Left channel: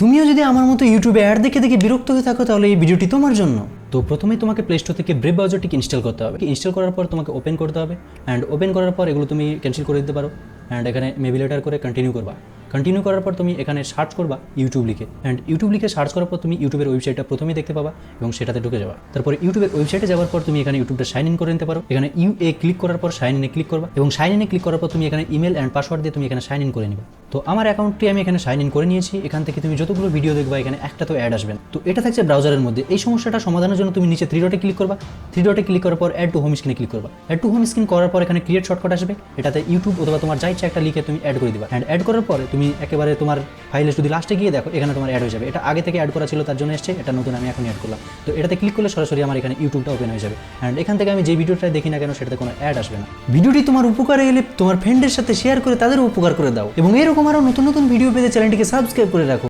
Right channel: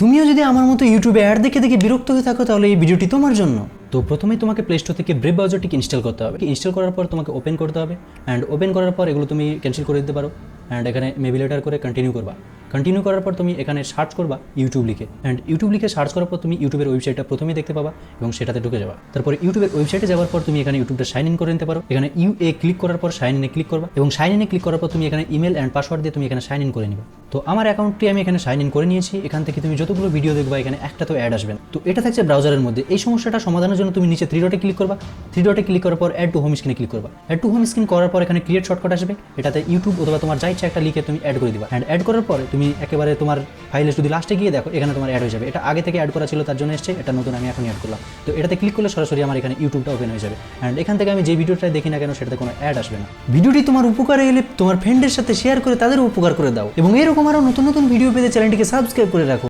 তুমিও যদি আমার মতো ইউটিউবে অ্যাড দেখে দেখে বিরক্ত হয়ে থাকো, তাহলে এই ভিডিওটি তোমার জন্য। তো প্রথমে তোমাকে প্লে স্টোর থেকে ব্রেভ ব্রাউজারটিকে ইনস্টল করতে হবে। ইনস্টল করার পর তোমাকে ওপেন করতে হবে। অ্যান্ড ওপেন করার পর এগুলো তুমি ক্যান্সেল করে দিতে পারো। অ্যান্ড এখানে মেবি লেটার করে কন্টিনিউ করবে। কন্টিনিউ করার পর তুমি এখানে সার্চ করবা ইউটিউব লিখে। অ্যান্ড ইউটিউব লিখে সার্চ করার পর তুমি ইউটিউবের ওয়েবসাইটটা প্রথমেই দেখতে পাবা এবং সেটাতে ঢুকে যাবা। তারপরে ইউটিউবের ওয়েবসাইটে যাওয়ার পর তুমি এখানে ইউটিউবটা সাইন ইন করে নিতে পারো। এখানে ইউ এ ক্লিক করার পর সাইন ইনে ক্লিক করবা এবং সাইন ইনে ক্লিক করার পর তুমি এখানে ইমেল অ্যান্ড পাসওয়ার্ড দিয়ে তুমি এখানে সাইন ইন করে নিবে। তো আমার অ্যাকাউন্টটি আমি এখানে সাইন ইন করে নিয়েছি। এখান থেকে তুমি যতগুলো ভিডিও দেখবা, এখানে একটা তো অ্যাড আসবে। তো এটা থাকছে ব্রাউজারের মধ্যে। এই সমস্যাটা সমাধানের জন্য তুমি নিচে থ্রি ডটে ক্লিক করবা। থ্রি ডটে ক্লিক করার পর অ্যাড টু হোম স্ক্রিনে ক্লিক করবা। অ্যাড টু হোম স্ক্রিন করার পর এখানে ক্রিয়েট শর্টকাট আসবে। এটাতে ইউটিউব অথবা তোমার যা ইচ্ছা একটা লিখে তুমি অ্যাড করে দিবা। অ্যান্ড অ্যাড করার পরে তুমি একেবারে তোমার ফাইলে যদি লাস্টে গিয়ে দেখো, এখানে তোমার অ্যাড হয়ে যাবে। এটা আগে থেকে অ্যাড করা ছিল, তার জন্য এসছে, এটা নতুন আমি এখন অ্যাড করলাম। তো এটাতে ক্লিক করলে সরাসরি আমার এখানে ইউটিউবটা ওপেন হয়ে যাবে। অ্যান্ড এখান থেকে আমি যে ভিডিওটা দেখি না কেন, সেটাতে কোনো অ্যাড আসবে না। ভিডিওটি তোমার উপকারে এলে তোমার ফ্রেন্ডের সাথে শেয়ার করে তাদের উপকার করে দাও। এবং এরকম আরও নতুন নতুন ভিডিও পেতে চ্যানেলটিকে সাবস্ক্রাইব করে রাখো।